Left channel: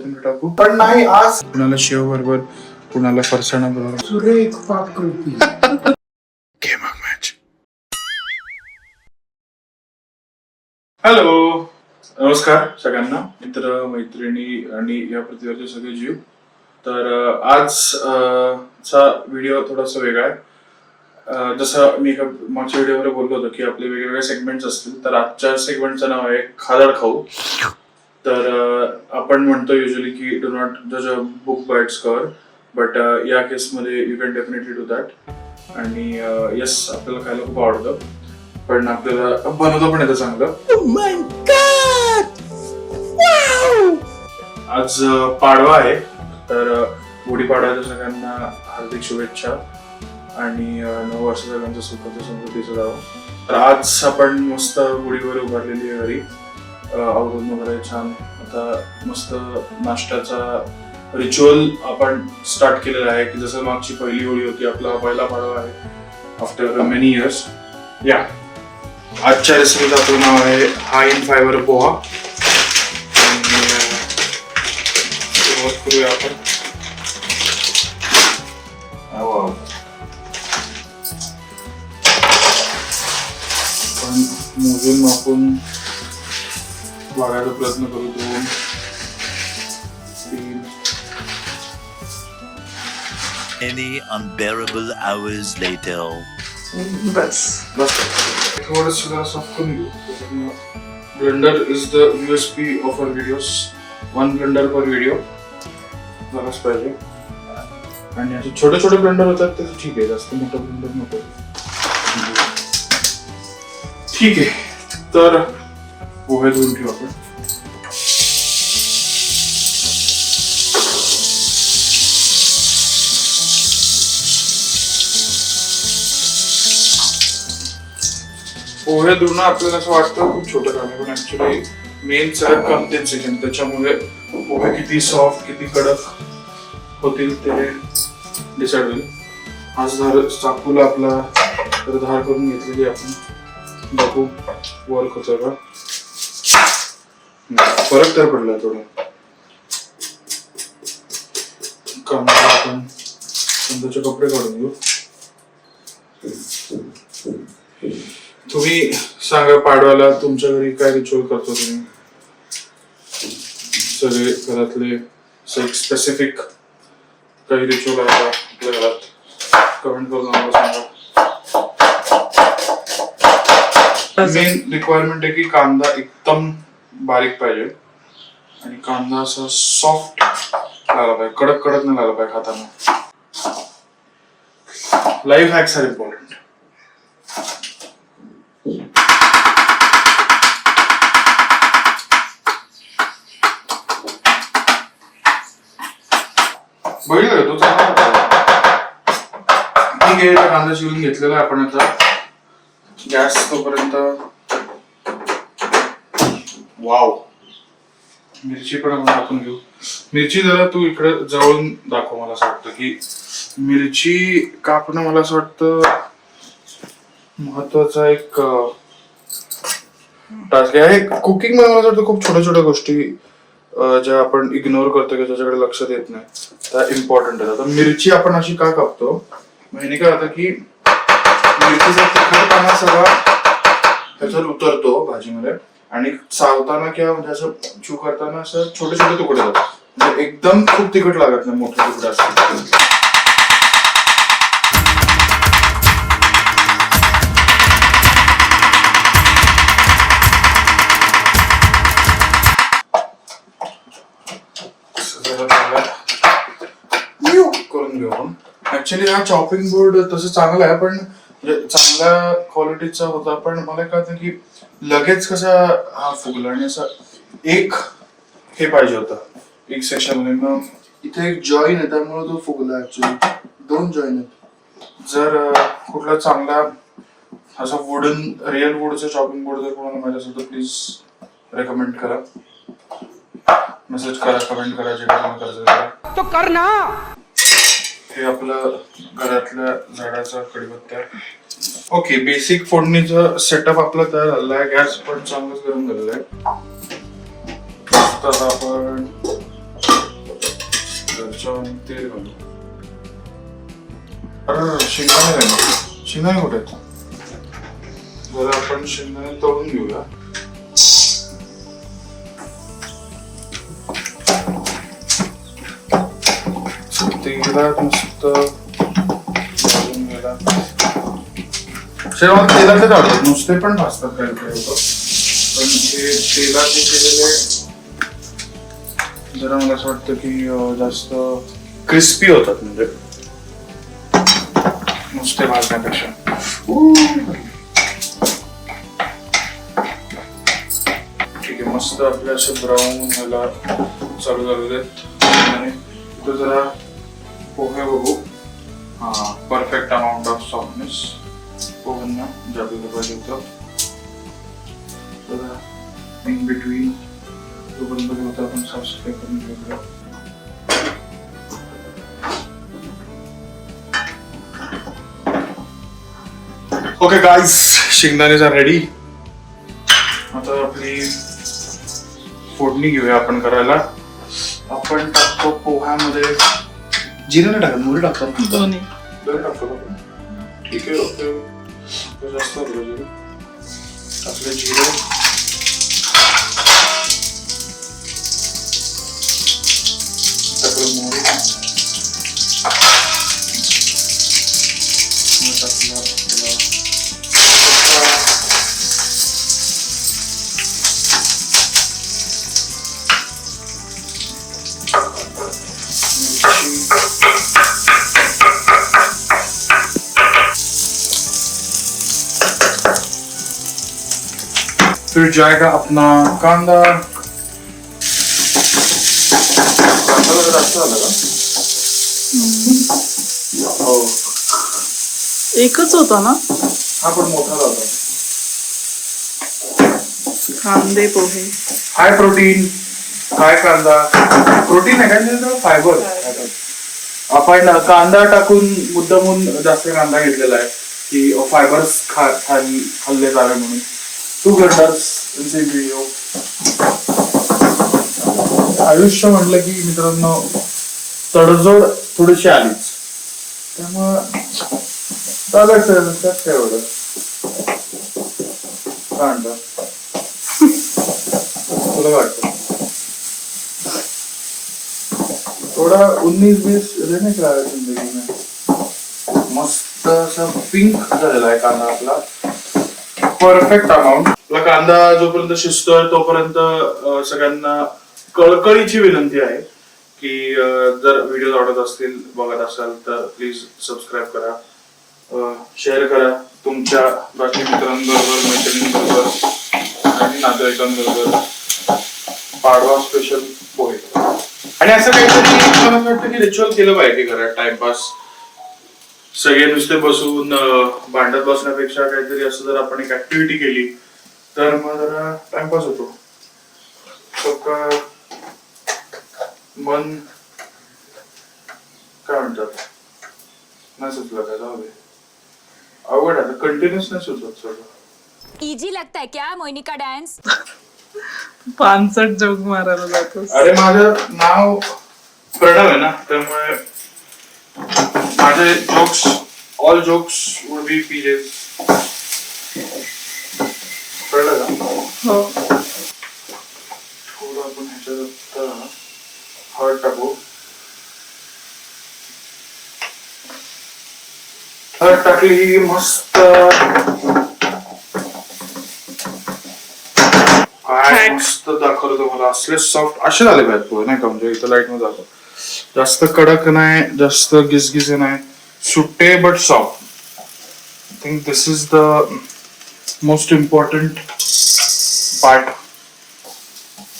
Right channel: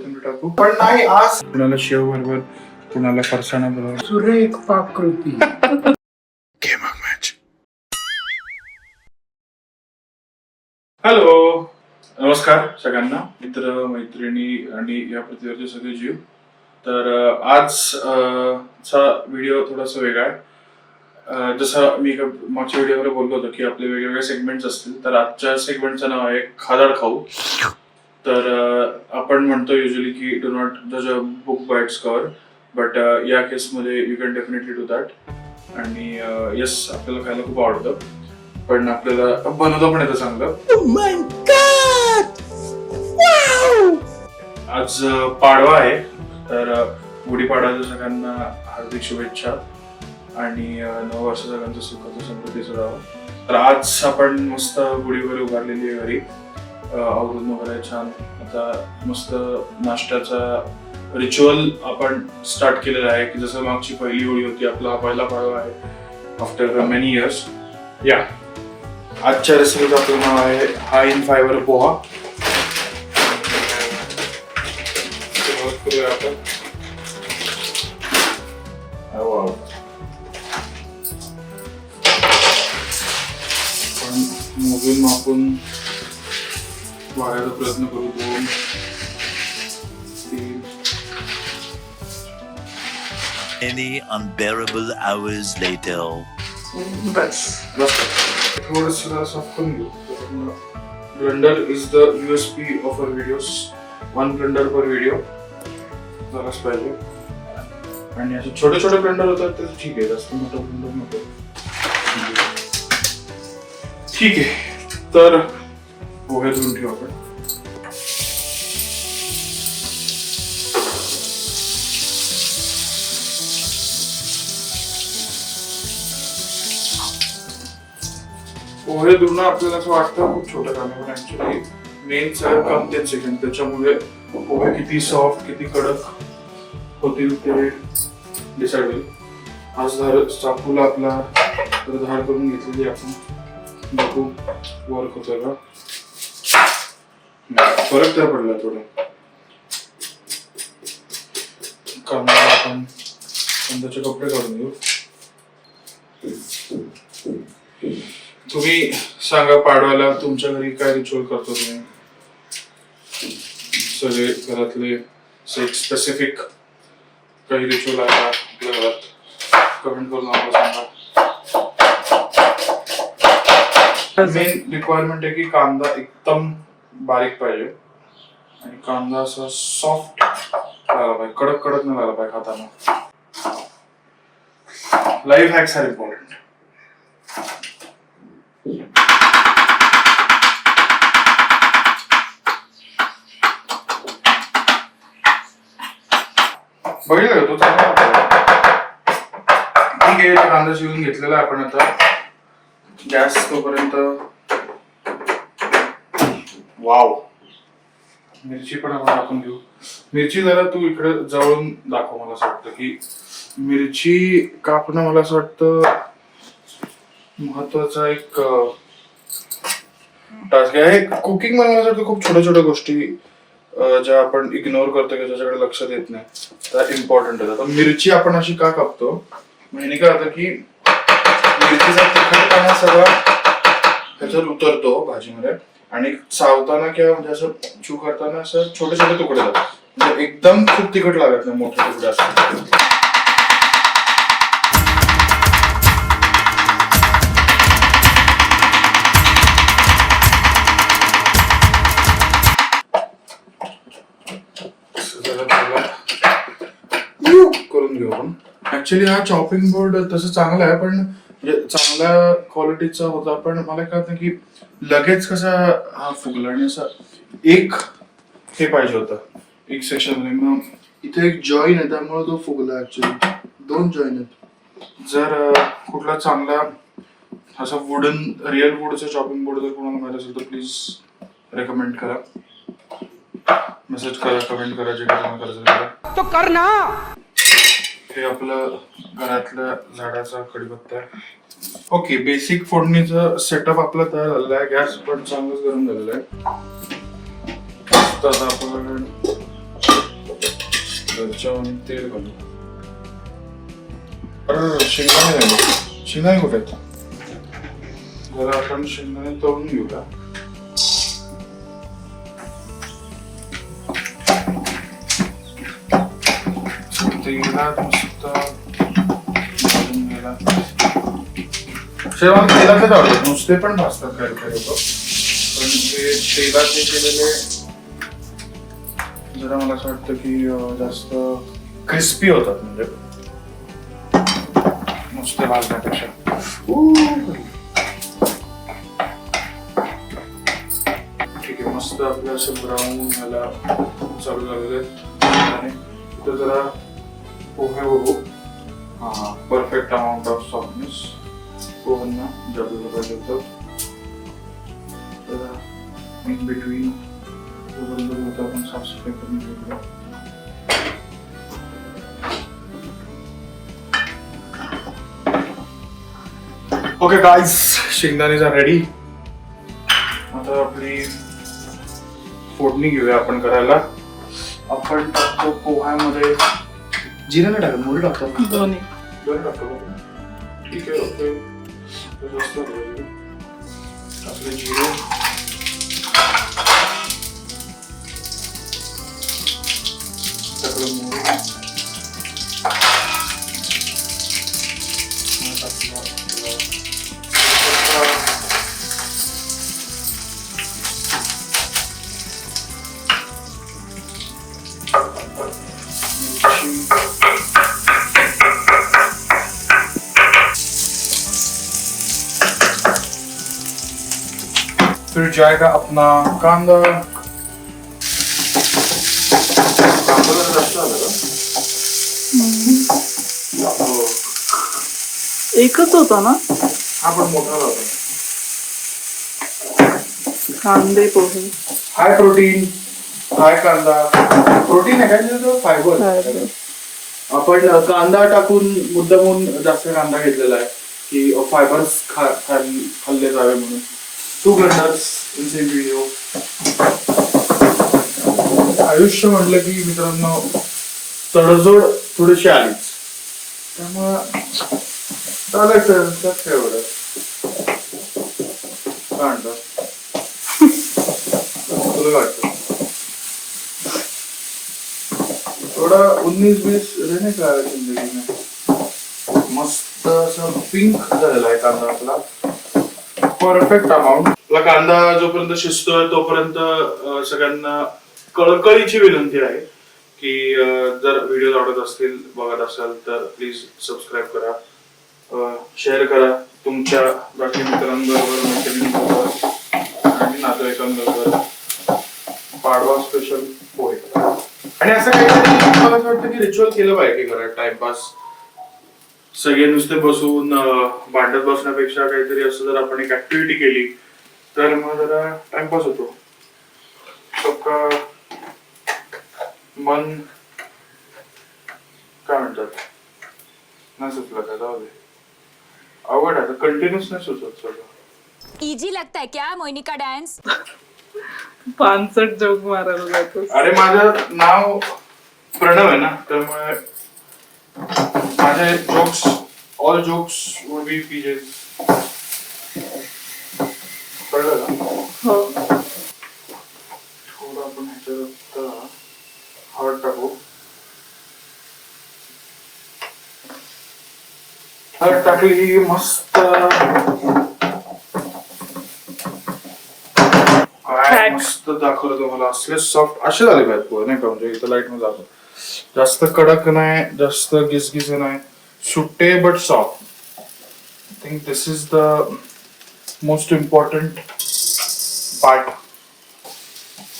कोथिंबीर टाकू, पण नाही आज कुणाला शेव बरोबर, कुणाला फरसाणा बरोबर. सुरेख पाककृती. Game of match. हॅलो, नमस्कार सगळ्यांना, मित्र मैत्रिणी आणि या पृथ्वीवरचे सगळे जीव. तर आजचा व्हिडिओ थोडासा वेगळा आहे. जसं मी मागच्या व्हिडिओवर बोललो होतो की आपले वेगवेगळे सेगमेंट्स असतील, तर आजच्या सेगमेंटचं नाव आहे खादाड खाऊ. तर आपण म्हणतो युजली की डू नॉट जज a book by it's cover, but या केसमध्ये you can definitely do that. आणि येस, आपल्याला खायला खूप आवडतं, पण आपल्याला बनवतो पण येतं चांगलं. आज पाडवा आहे, तर गुढीपाडव्याच्या सगळ्यांना हार्दिक शुभेच्छा आणि नवं वर्ष सगळ्यांचं सुखाचं समृद्धीचं जावं. तर आज आपण मस्त गुढीवर उभारलेली घरी आवरून वगैरे छान. आता मस्त नाश्त्याचा रिच्युअल आपण स्टार्ट केलेला आहे, की जसं मागची पहिली होळी होती, आपला पहिला पाडवा आहे आफ्टर मेनी इयर्स. या आजच्या रेसिपीचं आपलं नाव आहे हाय इन फायबर पोहा. सुरुवात करूया आपण. मोजून मापून वाढायचा प्रयत्न करू. 2 3 Many unbearable hours later. बस थोडंसं जरा साफ करून घेऊ. Blender is the USP of our videos. 1 blender पर व्हिडिओ झालाच पाहिजे. आणि असे छोटे छोटे ब्लेंडर होतात तर ठीक आहे, जास्त मोठं ब्लेंडर नको. ठीक आहे, तर पोहे धुवून ठेवू आपण. पोहे धुणं आपल्याला असं वाटतं खूप छोटं काम आहे, पण ऍक्च्युली मेन सगळ्यात कमतेच आहे. त्याच्यामुळे पोहे किती सॉफ्ट किती कडक होतील ते डिसाइड होईल. आज चाकूला आपला धार करून घेतलेली आपण बघू वर्क होतं का. फरक तर पडला थोडा. कामाला आपण कांद्याचे कपडे काढून घेऊ. तुम्ही सांगा, पाडवाला तुमच्या घरी काय रिच्युअल करतो तुम्ही सगळे घरातले? स्पेसिफिक काही रिच्युअल आहे का आपल्या घरात? कमेंट करून आम्हाला सांगा. मेन रिक्वायरमेंट आहे की कांदा एकदम बारीक पाहिजे आणि कांदा असा सॉफ्ट लागला पाहिजे, कडक कडक नाही लागला पाहिजे खाताना. Life hacks are important. बघितलं तो चांगला. ठीक आहे, कांदा शिवून घेतलेला आपण. आता गॅस तोपर्यंत वाव, मिरची पण आपण टाकून घेऊ. मिरची जरा तू इकडे जवळून दाखव. मला असं वाटतं की मिरची कापणं मला असं वाटतं महत्वाचा एक टास्क आहे. कुकिंग मध्ये मला असं वाटतं खूप छोट्या छोट्या गोष्टी ज्या आपण इग्नोर करतो किंवा ज्याच्याकडे लक्ष देत नाही त्या इम्पॉर्टंट आहेत. आता मिरची आपण अशी का कापतो, म्हणजे काय होतं की मिरचीचा तिखटपणा सगळा ह्याच्यात उतरतो भाजीमध्ये, आणि चावताना किंवा म्हणजे असं चू करताना असं छोटे छोटे तुकडे जातात. म्हणजे एकदम खूप तिखट लागत नाही मोठे तुकडे असतात. करून घेऊ आपण. ऍक्च्युली हा चॉपिंग बोर्ड तसं चांगला आहे, पण चांगल्या क्वालिटीचा होता, पण मला काय होतं की लगेच कसा हा फुगला. आणि असं एक हे पाहिजे होतं, एक सेक्शन. मग इथे एक जॉईन आहे त्यामुळे तो फुगला. ऍक्च्युली 2 जॉईन आहेत. जर कुठला चांगला असा वुडन रिअल वुडचा चॉपिंग बोर्ड जर कोणाला माहिती असेल तर प्लीज रेकमेंड करा, मेसेज करा, कमेंट करा, जे काही करायचं तो करना. हे आपलं घरातल्या झाडाचा कडीपत्ता. ओके, बेसिक फोडणीचं सेटअप आपला तयार झालेला आहे. गॅस पण चांगलंच गरम झालेला आहे. आता आपण घरच्या तेल घालू. अरे शेंगदाणे घालू. शेंगदाणे कुठे आहेत? जरा आपण शेंगदाणे तळून घेऊया. तेलात मस्त भाजून घ्यायला. मला तेलाचे आवडतात, नुसते पण भाजतात काही काही होतं, पण ते तेलाचे केलेले जरा मला असं वाटतं की जास्त क्रिस्पी होतात, म्हणजे नुसते भाजण्यापेक्षा. ठीक आहे, मस्त आपल्या असं ब्राऊन ह्याला चालू झाले देत. आणि इथं जरा पोहे बघू. हा, परफेक्ट अमाऊंट ऑफ सॉफ्टनेस पोह्यांना जागलं पाहिजे होतं. तर इन बिटवीन जोपर्यंत होतं आपण साफसफाई करून घेऊया. ओके गाईज, शेंगदाणे आर रेडी. आता आपली फोडणी घेऊया आपण करायला. आपण टाकतो पोह्यामध्ये जिरे नाही टाकत, मोहरी टाकतो. दोन्ही टाकतो. ठीक आहे, ओके. जास्त टाकले जिरे. टाकलं मोहरी. फिर जाएगा अपना कांदा. कांदा जरा जास्त झाला का? हो, एकच होता ना हा पण मोठा होता. कांदे पोहे. हाय प्रोटीन, हाय कांदा. प्रोटीन आहे काय, फायबर. आपण कांदा टाकून मुद्दामून जास्त कांदा घेतलेला आहे की फायबर्स खाल्ले जावे म्हणून. To glanders in the video. आयुष्य म्हटलं की मित्रांनो तडजोड थोडीशी आलीच, त्यामुळं चालायचं. त्यात काय एवढं काय म्हणतात, तुला वाटतं थोडा 19-20 रहने का जिंदगी में. मस्त असं पिंक झालेला आहे कांदा आपला. Perfect amount. आपला कांदा जोपर्यंत शिजतोय तोपर्यंत सगळ्यांना कळकळीची विनंती आहे की जर व्हिडिओ आवडत असतील, बघत असाल तर प्लीज सबस्क्राईब करा, शेअर करा तुमच्या बाकी मित्रांबरोबर, मैत्रिणींबरोबर आणि नातेवाईकांबरोबर. पाडवा स्पेशल पोहे. आणि असं काहीतरी मला वाटतं की रिच्युअल केलं पाहिजे घरात. टाइमपास सगळे नुसते बसून भांडत बसण्यापेक्षा काहीतरी असं जर आपण एक ऍक्टिव्हिटी केली तर मग जरा टाइमपास होतो. सकाळ मन काय म्हणतात, नाही सुचलं का, जाऊ दे. आवड आहे, कंटिन्युअस नाही सुचत सगळं. इजी लगता है क्या मोहिनी का डांस? 65 जोक मारायला जातोस. अरे माझं नाव प्रणव आहे ना, त्यामुळे माझे jokes, all jokes would be PJs. कळलं का? हो. थोडं आपण ह्याच्यात हळद टाकू. हळद टाकली की मस्त काय मस्त दाखवलं तुम्हाला. असले सॉफ्ट असे झाले पाहिजे पोहे, नाही का, म्हणजे इथं लाईट मध्ये दाखव. जास्त कडक नाही, जास्त गिसगिसे नाही, सुट्टे but soft. I think this is the most important part.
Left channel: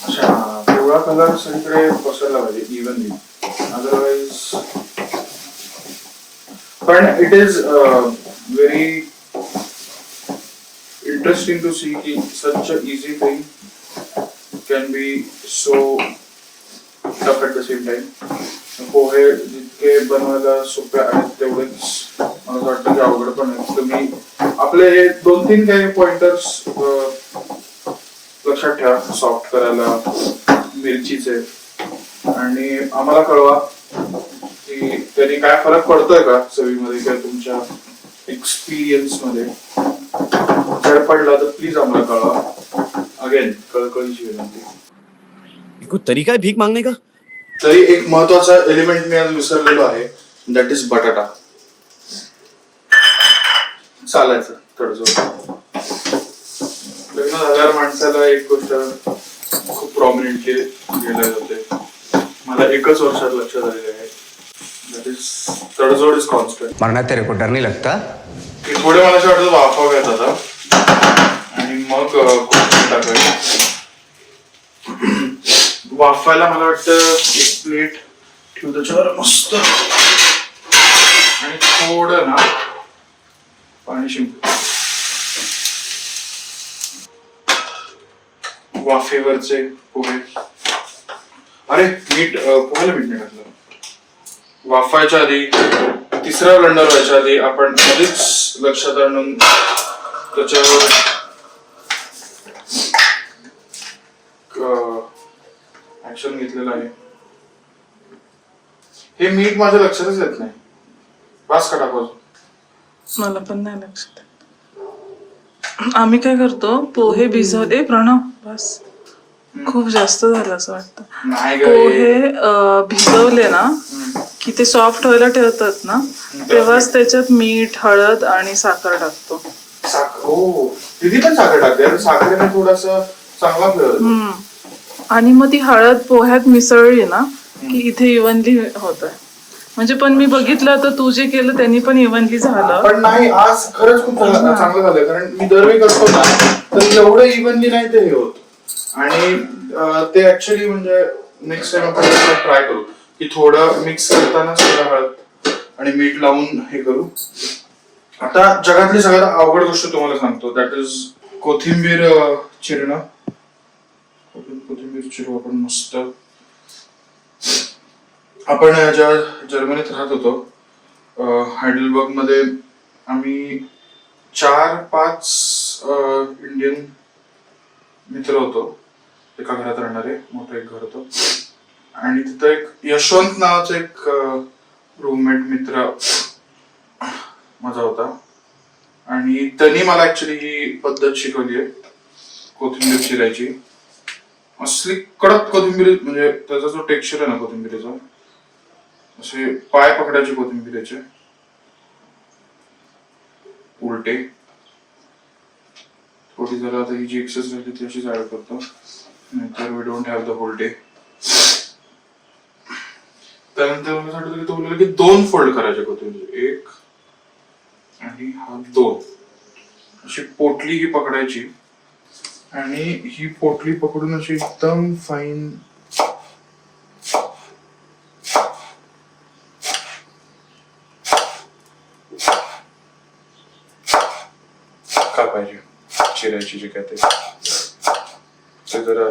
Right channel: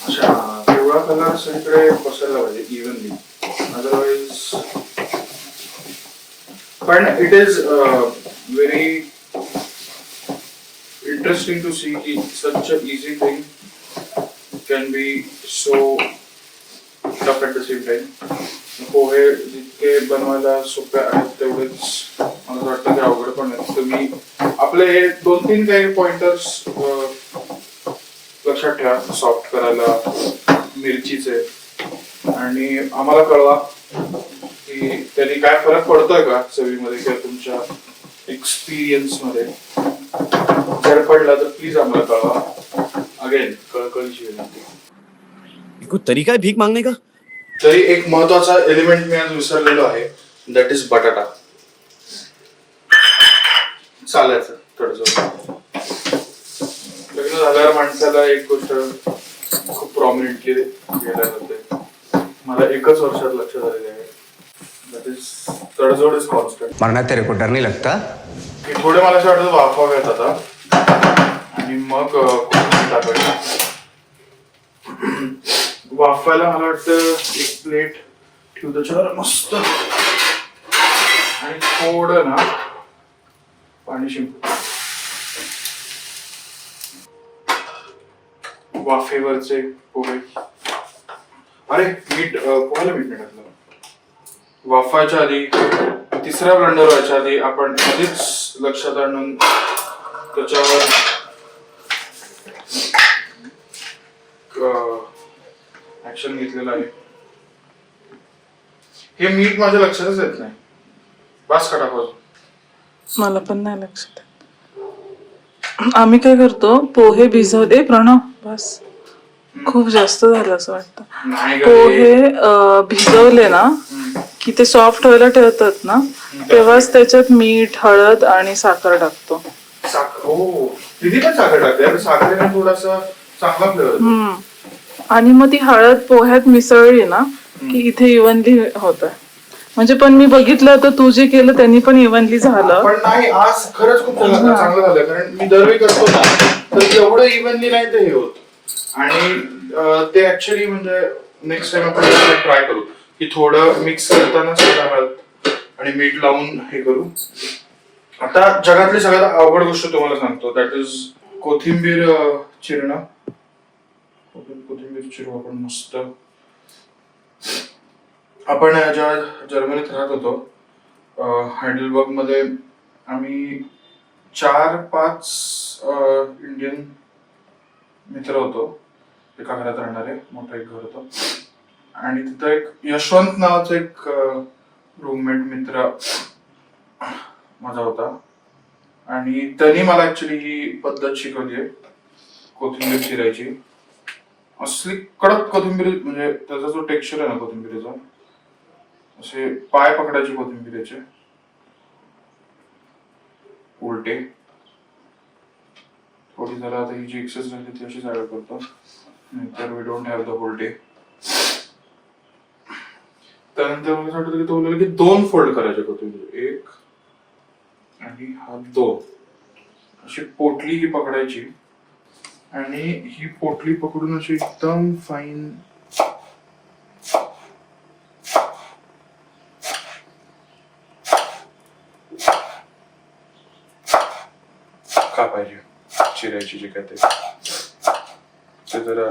अच्छा, पिवळा कलर सगळीकडे पसरला पाहिजे इव्हनली, अदरवाइज. पण it is very interesting to see कि such a easy thing can be so tough at the same time. पोहे जितके बनवायला सोपे आहेत तेवढेच मला वाटतं की अवघड पण आहे. तुम्ही आपले 2-3 काही पॉइंटर्स लक्षात ठेवा सॉफ्ट करायला मिरचीचे, आणि आम्हाला कळवा की तरी काय फरक पडतोय का चवीमध्ये किंवा तुमच्या एक्सपिरियन्स मध्ये. जर पडला तर प्लीज आम्हाला कळवा. अगेन कळकळीची विनंती. कोई तरीका है भीख मांगने का? तरी एक महत्वाचा एलिमेंट मी आज विसरलेलो आहे, दॅट इज बटाटा. चालायचं थोडंसं. लग्न झाल्यावर माणसाला एक गोष्ट खूप प्रॉमिनेंटली केल्या जाते, मला एकच वर्षात लक्षात आलेलं आहे, दॅट इज तडजोड इज कॉन्स्टंट. मरना तेरे को डर नहीं लगता? की थोडे मला असं वाटतं वाफाव्यात आता आणि मग कोथिंबीर टाकायची. वाफायला मला वाटतं एक प्लेट ठेवू त्याच्यावर मस्त आणि थोडं ना पाणी शिंपू. वाफेवरचे पोहे. अरे मीठ, पोह्याला मीठ नाही टाकलं. वाफायच्या आधी, तिसरा ब्लेंडर व्हायच्या आधी आपण आधीच लक्षात आणून त्याच्यावर ऍक्शन घेतलेलं आहे. हे मीठ माझ्या लक्षातच येत नाही. वास का टाकायचं? मला पण नाही लक्षात. आम्ही काय करतो, पोहे भिजवले प्रणव, बस खूप जास्त झालं असं वाटतं. नाही ग, पोहे भिजवले ना की ते सॉफ्ट व्हायला ठेवतात ना, तेव्हाच त्याच्यात मीठ, हळद आणि साखर टाकतो. साखर. हो, तिथे पण साखर टाकते. साखरेने थोडासा चांगला फ्लेवर. आणि मग ती हळद पोह्यात मिसळली ना की इथे इव्हनली होत. म्हणजे पण मी बघितलं तर तू जे केलं त्यांनी पण इव्हनली झालं. पण नाही, आज खरंच खूप चांगलं झालं, कारण मी दरवेळी करतो ना तर एवढं इव्हनली नाही ते हे होत. आणि ते ऍक्च्युली म्हणजे नेक्स्ट टाइम आपण ट्राय करू की थोडं मिक्स करताना सगळं हळद आणि मीठ लावून हे करू. आता जगातली सगळ्यात अवघड गोष्ट तुम्हाला सांगतो, दॅट इज कोथिंबीर चिरणं. कोथिंबीर चिरू आपण मस्त. आपण जेव्हा जर्मनीत राहत होतो, हायडेलबर्ग मध्ये, आम्ही 4-5 इंडियन मित्र होतो. एका घरात राहणारे, मोठं एक घर होतं. आणि तिथं एक यशवंत नावाचा एक रूममेट मित्र माझा होता. आणि त्यांनी मला ऍक्च्युली ही पद्धत शिकवली आहे कोथिंबीर चिरायची. असली कडक कोथिंबीर, म्हणजे त्याचा जो टेक्स्चर आहे ना कोथिंबीरीचा, असे पाय पकडायचे कोथिंबीरीचे उलटे. थोडी जरा आता ही जी एक्सेस झाली ती अशी जाड करतो, नाहीतर we don't have the whole day. त्यानंतर मला वाटतं की तो बोलला की 2 फोल्ड करायचे कोथिंबीर, 1 आणि हा 2. अशी पोटली ही पकडायची आणि ही पोटली पकडून अशी एकदम फाईन कापायची, चिरायची. जे काय ते जरा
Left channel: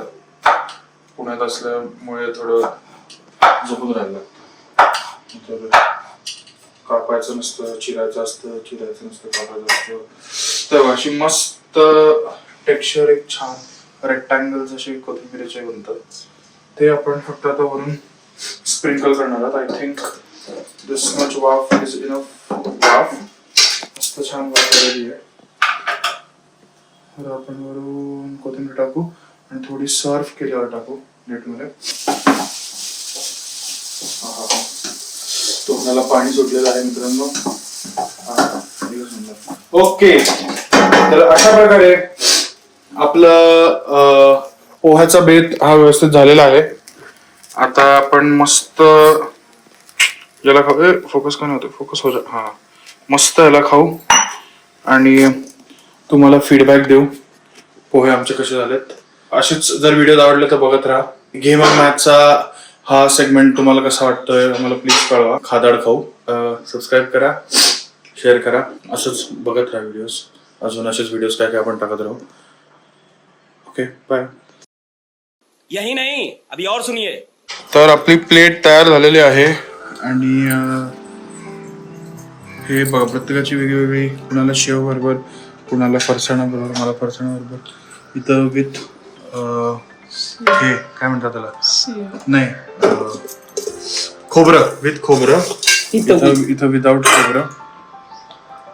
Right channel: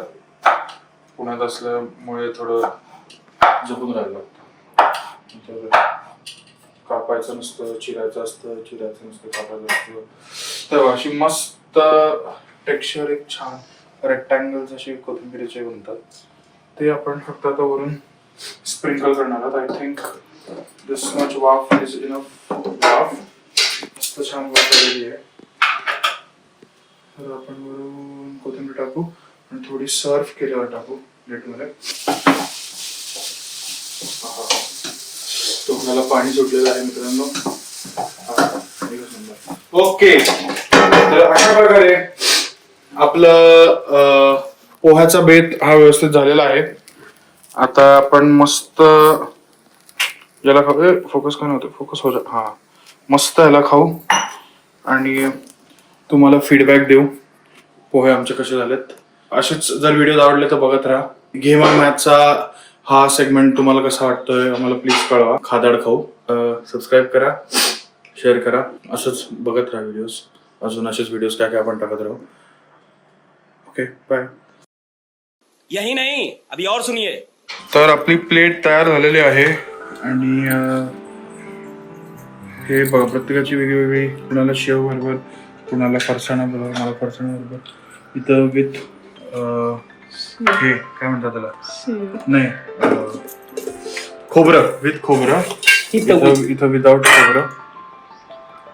पुण्यात असल्यामुळे थोडं जपून राहिलं. तर कापायचं नसतं, चिरायचं असतं, चिरायचं नसतं, कापायचं असतं. तेव्हा अशी मस्त टेक्स्चर, एक छान रेक्टँगल्स असे कोथिंबीरीचे बनतात. ते आपण फक्त आता वरून स्प्रिंकल करणार आहोत. आय थिंक दिस मच वाफ इज इनफ. वाफ मस्त छान वाफ झालेली आहे. तर आपण वरून कोथिंबीर टाकू आणि थोडी सर्व केल्यावर टाकू प्लेटमध्ये. तोंडाला पाणी सुटलेलं आहे मित्रांनो. ओके, तर अशा प्रकारे आपलं पोह्याचा बेत हा व्यवस्थित झालेला आहे. आता आपण मस्त याला खाऊ. फोकस का नव्हतं, फोकस हो जा. हा, मस्त याला खाऊ आणि तुम्हाला फीडबॅक देऊ पोहे आमचे कसे झालेत. असेच जर व्हिडिओ आवडले तर बघत राहा. गेम ऑन मॅथचा हा सेगमेंट तुम्हाला कसा वाटतोय आम्हाला प्लीज कळवा. खादाड खाऊ. सबस्क्राईब करा, शेअर करा. असंच बघत राहा व्हिडिओज. अजून असेच व्हिडिओज काय काय आपण टाकत राहू. Okay, bye. यही नहीं, अभी और सुनिए. तर आपली प्लेट तयार झालेली आहे आणि हे बघा, प्रत्येकाची वेगळी. कुणाला शेव बरोबर, कुणाला फरसाणा बरोबर, मला फरसाणा बरोबर. इथं विथ हे काय म्हणतात त्याला, नाही खोबरं विथ खोबरं, इथं विदाउट खोबरं.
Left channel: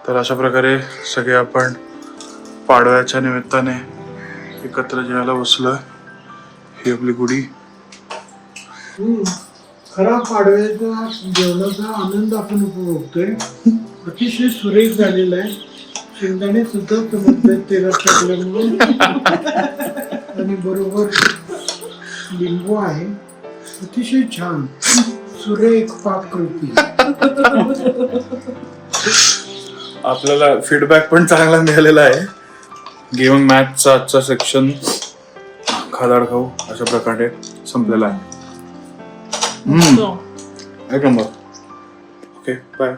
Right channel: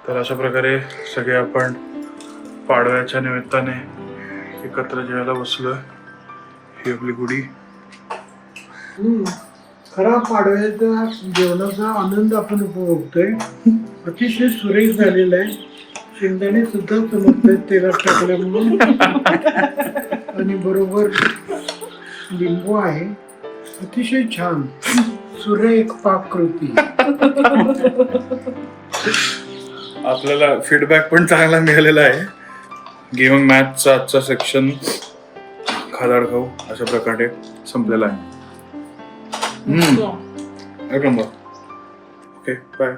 तर अशा प्रकारे सगळे आपण पाडव्याच्या निमित्ताने एकत्र जेवायला बसलोय. ही आपली गुढी. खरा पाडव्याचा जेवणाचा आनंद आपण उपभोगतोय. अतिशय सुरेख झालेला आहे. शेंगदाणे सुद्धा चमकतात तेलात टाकल्यामुळे आणि बरोबर लिंबू आहे. अतिशय छान सुरेख पाककृती. आपल्याला फीडबॅक पण चांगला मिळालेला आहे. गेमिंग मॅथचा आजचा सेक्शन खादाड खाऊ अशा प्रकारे संपलेला आहे. एक नंबर. Okay bye.